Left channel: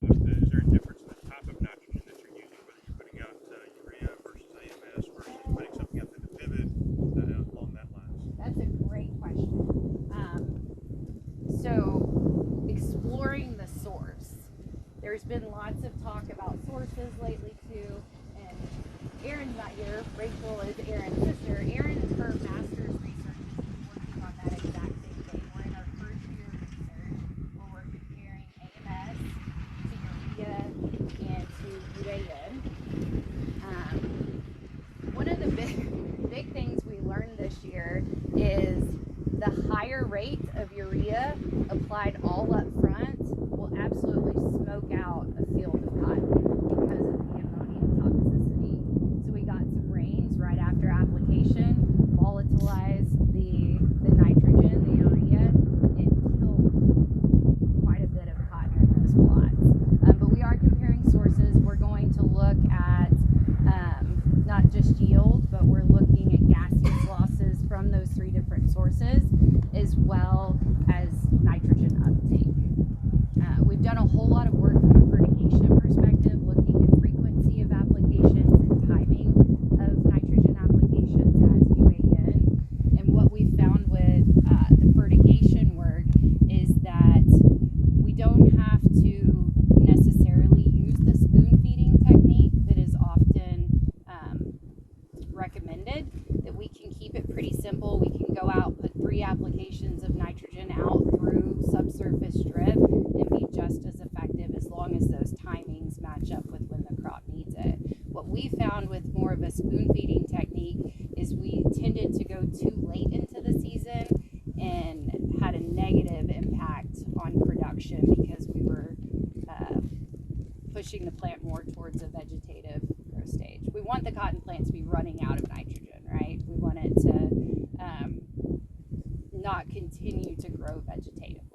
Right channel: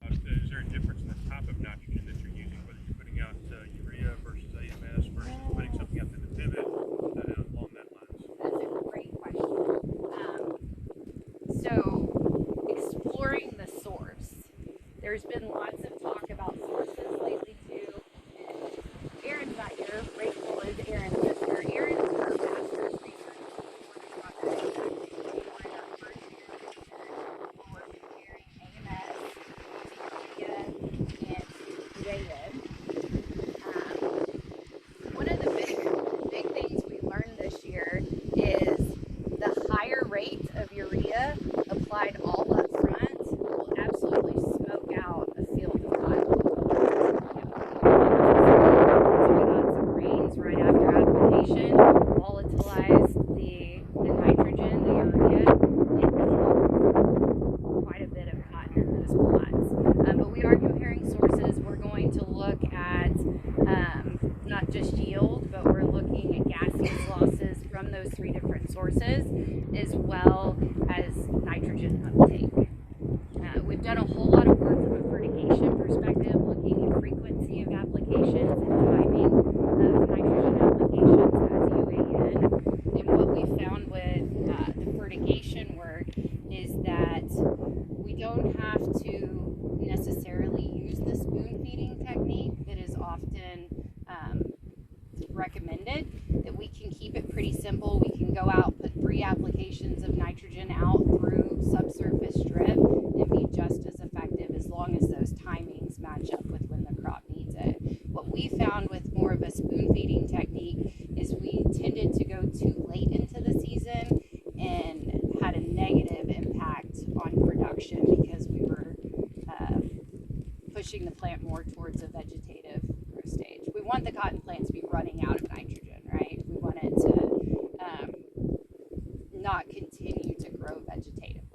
Is there a difference in the type of nitrogen that you're using, whether you're putting out urea versus AMS versus putting something up in the pivot along that lines? That's a great question. So, exploring the source. There's been lots of talk about sources lately too. And Aaron's not here. Rachel is Aaron's sister. Aaron is her master's research. We wanted to talk about that exactly. We wanted our first year of research for comparing AMS to urea and to UAN. One of the big things we learned this year is the higher rate of urea applied all up front will absolutely smoke out a field of cotton. So we got some rains right after application, volatilized the nitrogen, the urea, and killed quite a bit of cotton in those plots. But we are comparing sources. We're going to look at not just yield, but we're looking at gaseous losses from those three different sources, as well as nitrogen uptake. We've done a whole lot of work from a fertigation perspective, looking at frequency of applications and timing of nitrogen applications as UAN. And what we found with the fertigation work is that we don't have to necessarily use the spoon feeding technique that is often recommended, that we can keep it pretty simple. We can go out, put 3 applications of nitrogen out through subsurface drip and be just as effective as long as those timings match up with when the crop needs it. What we found with more of a spoon feeding technique is we tended to go too late into the season and had a negative impact on production because we were pushing the plant more towards a vegetative growth stage. We want the cotton plant to be running out of nitrogen, right? We want it to not continue to grow vegetatively.